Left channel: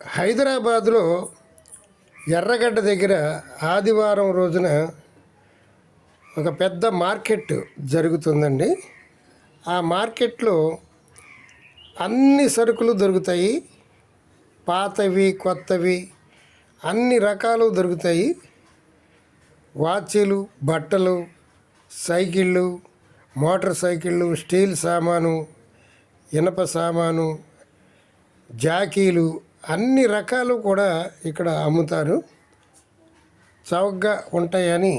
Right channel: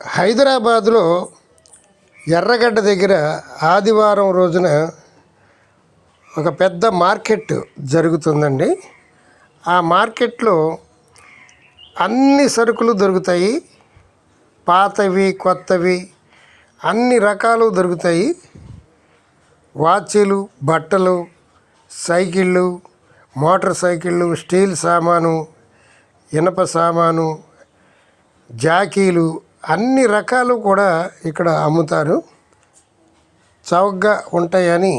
హైదరాబాదులో ఎర్రగడ్డ దగ్గర ఆదివారం రోజున ఒక పెద్ద మార్కెట్ జరుగుతుందండి. ఆ మార్కెట్లో అన్ని సరుకులు దొరుకుతాయి. పాతవి, కొత్తవి అన్ని రకాలు దొరుకుతాయి. వాచీలు, బట్టలు, సైకిళ్ళు, మోటార్ సైకిళ్ళు, స్టీల్ సామాను, ఇనప సామాను, జాకీలు అన్ని రకాలు కూడా ఇక్కడ అమ్ముతారు. చౌకగా ఉంటాయని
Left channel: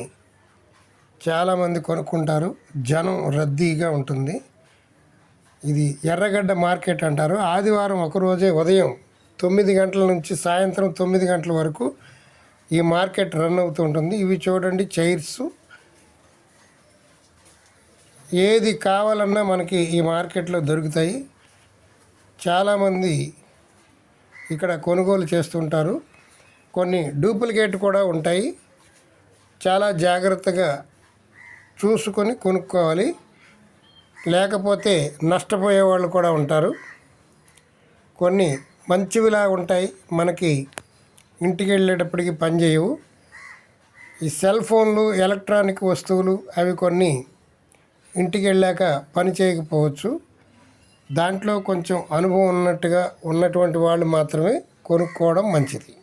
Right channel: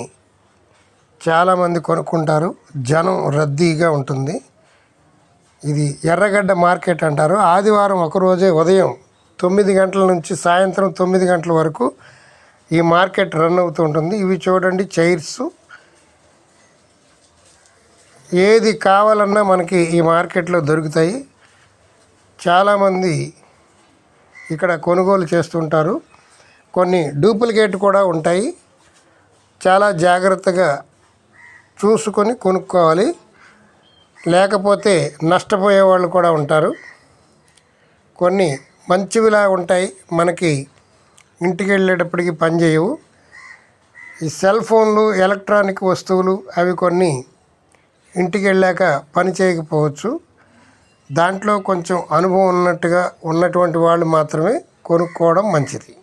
చాలామంది కొనుక్కుంటారు. జనం రద్దీగా ఉంటుంది. ఇది ఎర్రగడ్డ మార్కెట్ అంటారు. ఆదివారం ఒకరోజే ఉదయం 9 గంటల నుంచి సాయంత్రం 9 గంటల వరకు ఈ మార్కెట్ రన్ అవుతూ ఉంటుంది. ఇవి చూడండి, చైర్స్. ఏది కావాలన్నా మనకి ఈ మార్కెట్లో దొరుకుతాయి. చాలామంది ఇక్కడ కొనుగోలు చేస్తుంటారు. కొన్ని డూప్లికేట్ కూడా ఉంటాయి. చాలా జాగ్రత్తగా చూసుకొని కొనుక్కోవాలి, లేకపోతే నష్టపోయే వాళ్ళు కూడా ఉంటారు. కొన్ని మంచివిలా ఉంటాయి, మనకి ఇంటికి వెళ్ళేటప్పటికి పనిచేయవు. ఈ సెల్ ఫోన్లు, ఎలక్ట్రానిక్ వస్తువులు అవి కొన్ని ఇంటికి వెళ్ళాక పని చేయకపోవచ్చు. దాంట్లో కొంచెం అనుభవం ఉన్నటువంటి వాళ్ళు మాత్రమే కొనుక్కోవడం మంచిది.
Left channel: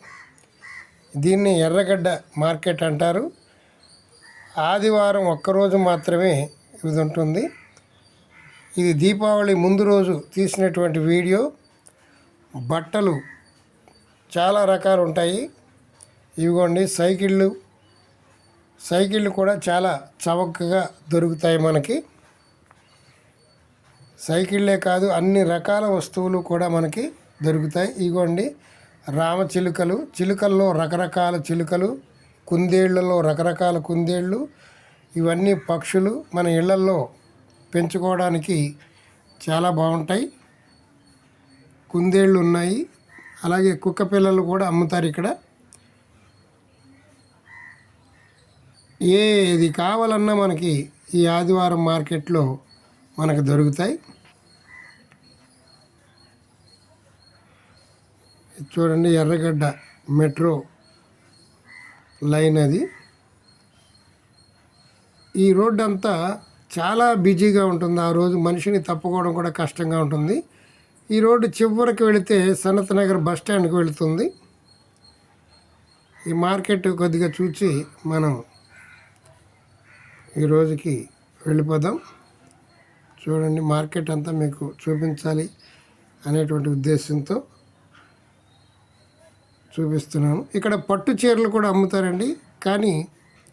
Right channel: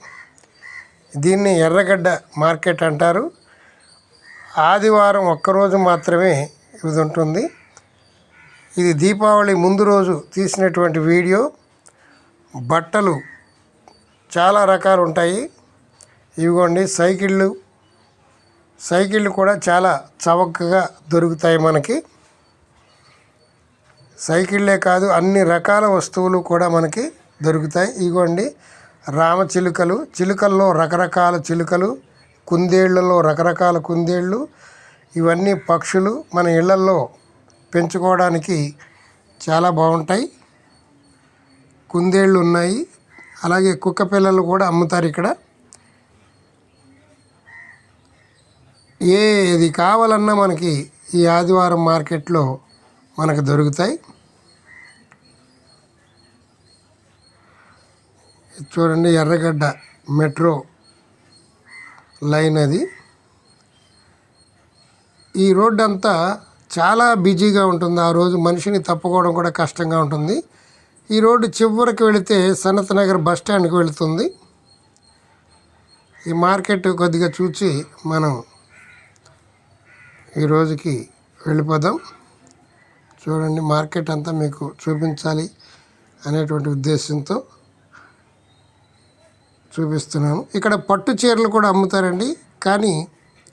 దీన్ని ఎర్రగడ్డ మార్కెట్ అంటారు. ఆదివారం ఒక్కరోజు మాత్రమే ఇది ఉంటుంది. ఇది దీపావళి ముందు రోజు తీసినటువంటి వీడియో. బట్టలు చాలా రకాలు ఉంటాయి. ఇవిగోండి, సైకిళ్ళు కూడా చాలా చవకగా దొరుకుతాయి మనకి. సైకిళ్ళే కాదు, అన్ని రకాల వస్తువులు కూడా మనకి దొరుకుతాయి. ఇగోండి, రామచిలుకలు, చిలుకల్లో రకరకాల చిలుకలు, కుందేళ్లలో రకరకాల కుందేళ్ళు. ఇవన్నీ పక్షులు మన ఇళ్లల్లో పెంచుకోవడానికి చాలా బాగుంటాయి. కుందేళ్ళు ఉన్నాయి, అలాగే కుక్క పిల్లలు కూడా అమ్ముతారు ఇక్కడ. ఏది కావాలన్నా మనకి ఈ ఆదివారం మార్కెట్లో మనకు దొరుకుతాయి. చూడండి, ఎర్రగడ్డ మెట్రో లైన్ అది. ఈ రోడ్డు అంతా చాలా బిజీగా ఉంటుంది. ఆ రోజు మనిషిని తప్పుకోవడం కూడా కష్టంగా ఉంటుంది. ఈ రోడ్డు చివరికి వెళితే సనత్ నగర్ బస్ స్టాండ్కి వెళుతుంది. ఈ మార్కెట్ కొద్దిగా చూసి మనం ఈ రోజుకి వెళ్ళిపోదాం. చూడండి, మార్కెట్ అంతా మీకు చూపించాలి అనేటువంటి ఉద్దేశంతో చూపిస్తున్నాను. ఇక్కడ పట్టు చీరలు కూడా అమ్ముతారండి, కానీ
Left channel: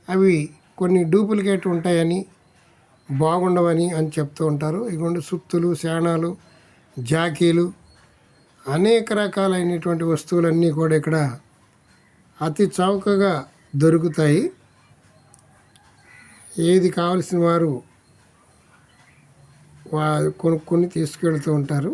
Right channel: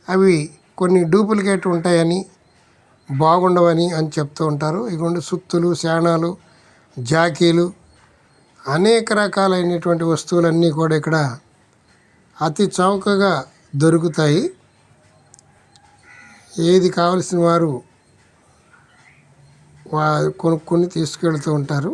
అవి కొన్ని డూప్లికేట్ ఉంటాయని, బాగుండవని అని చెప్తూ ఉంటారు. ఇగోండి, సుత్తులు, శాణాలు, జాకీలు, అనేక రకాలైనటువంటి వస్తువులన్నీ కూడా ఇక్కడ అతి చౌకగా దొరుకుతాయి. ఏది కావలసిన వారు కొనుక్కొని తీసుకెళ్తూ ఉంటారు.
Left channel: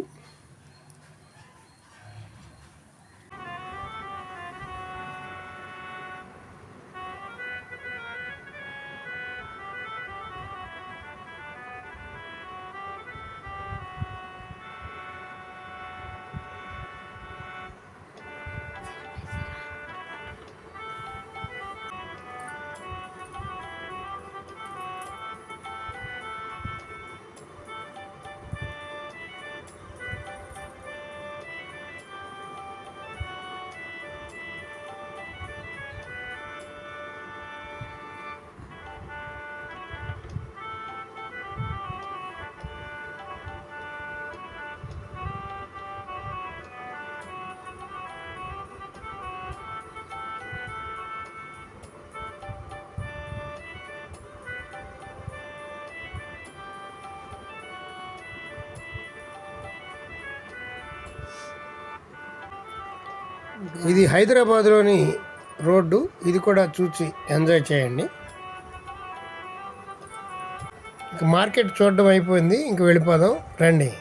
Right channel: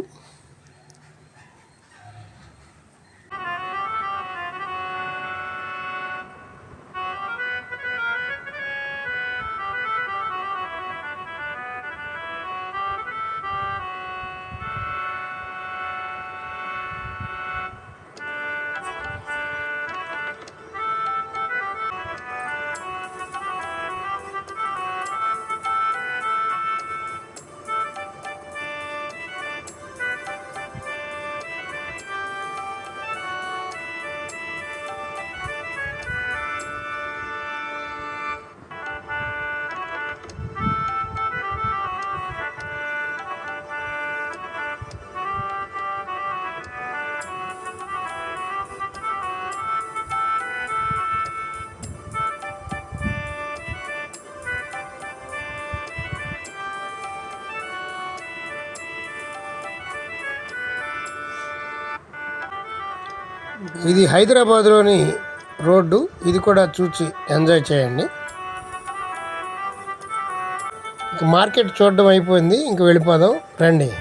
ఇది హైదరాబాద్లోని రోడ్డు. ఇది కూడా చూసి ఎంజాయ్ చేయండి. ఇంక మార్కెట్ చూడడం అయిపోయింది, ఇంక వెళ్ళిపోదాం రండి.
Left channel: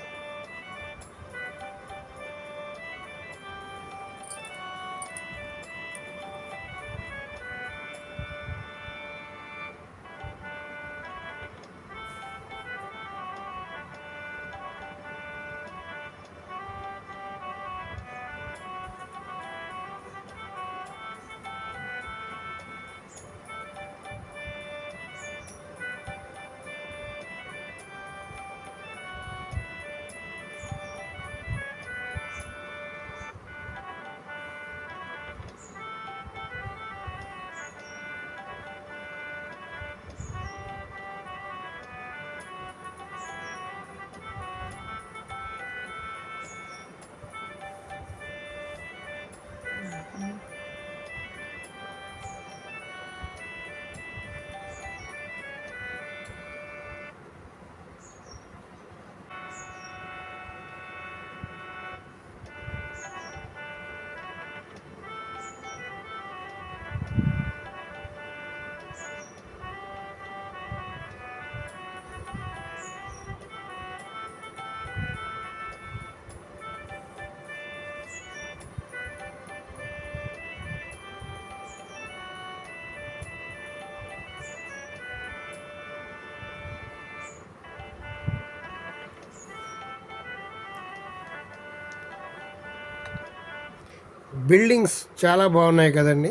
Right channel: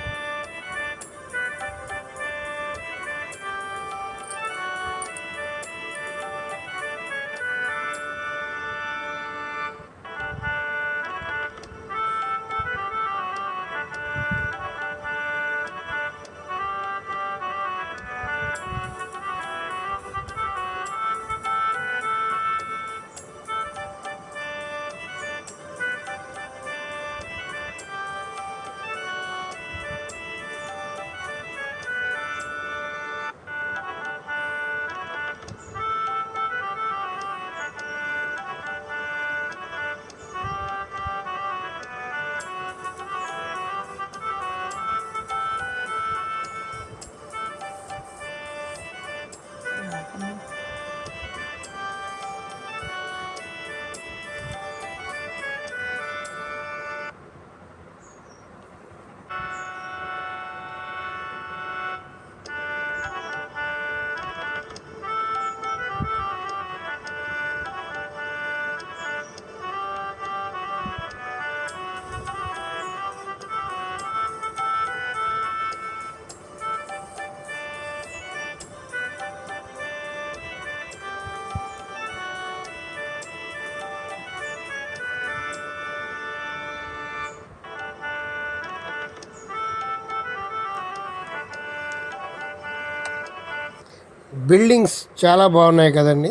బిల్డింగ్స్ చాలా బాగున్నాయి కదండి.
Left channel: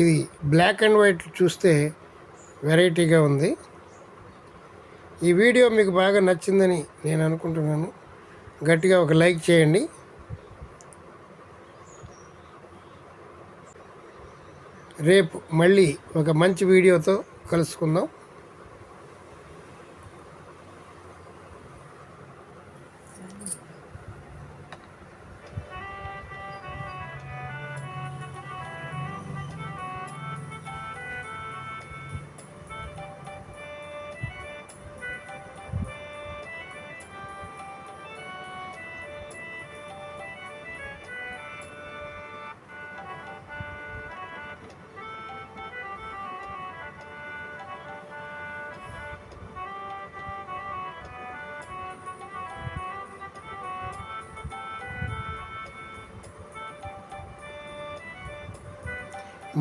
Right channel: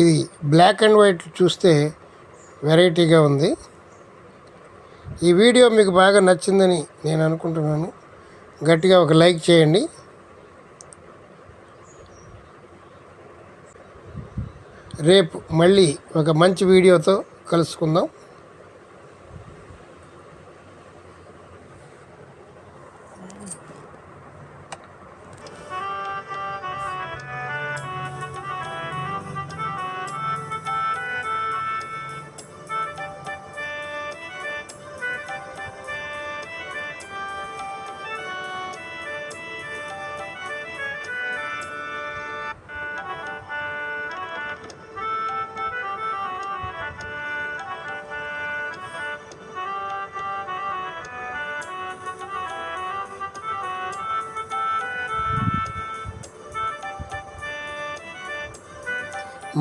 ఇది బ్లాక్ అండ్ వైట్ చూస్తే వెరైటీగా ఉంది. ఈ వీడియో మీకు బాగా నచ్చిందని నేను అనుకుంటున్నాను. గట్టిగా ఒక లైక్ చేయండి. రేపు మళ్ళీ ఒక మంచి వీడియోతో కలుసుకుందాం.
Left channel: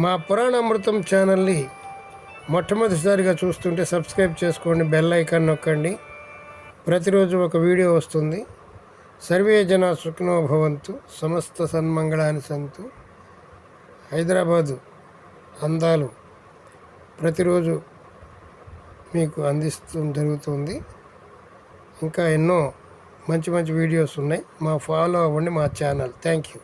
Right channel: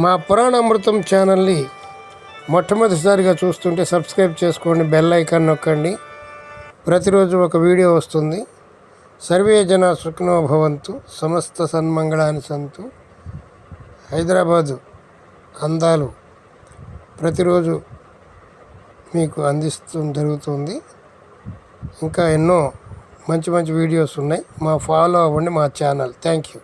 మా పురాణామృతం ఛానల్ని మొట్టమొదటిసారిగా చూస్తుంటే సబ్స్క్రైబ్ చేసుకోండి, బెల్ ఐకాన్ నొక్కండి. ప్రతిరోజు ఒక వీడియో వస్తుంది. సర్వే జన సుఖినో భవంతు, సమస్త సన్మంగళాని సంతు. హైదరాబాదు అందాలు ప్రతిరోజు మీకు జరుగుతుంది. ఇంకా ఎన్నో మంచి మంచి వీడియోస్ ఉన్నాయి. ఫాలో అవ్వండి మా ఛానల్. Thank you.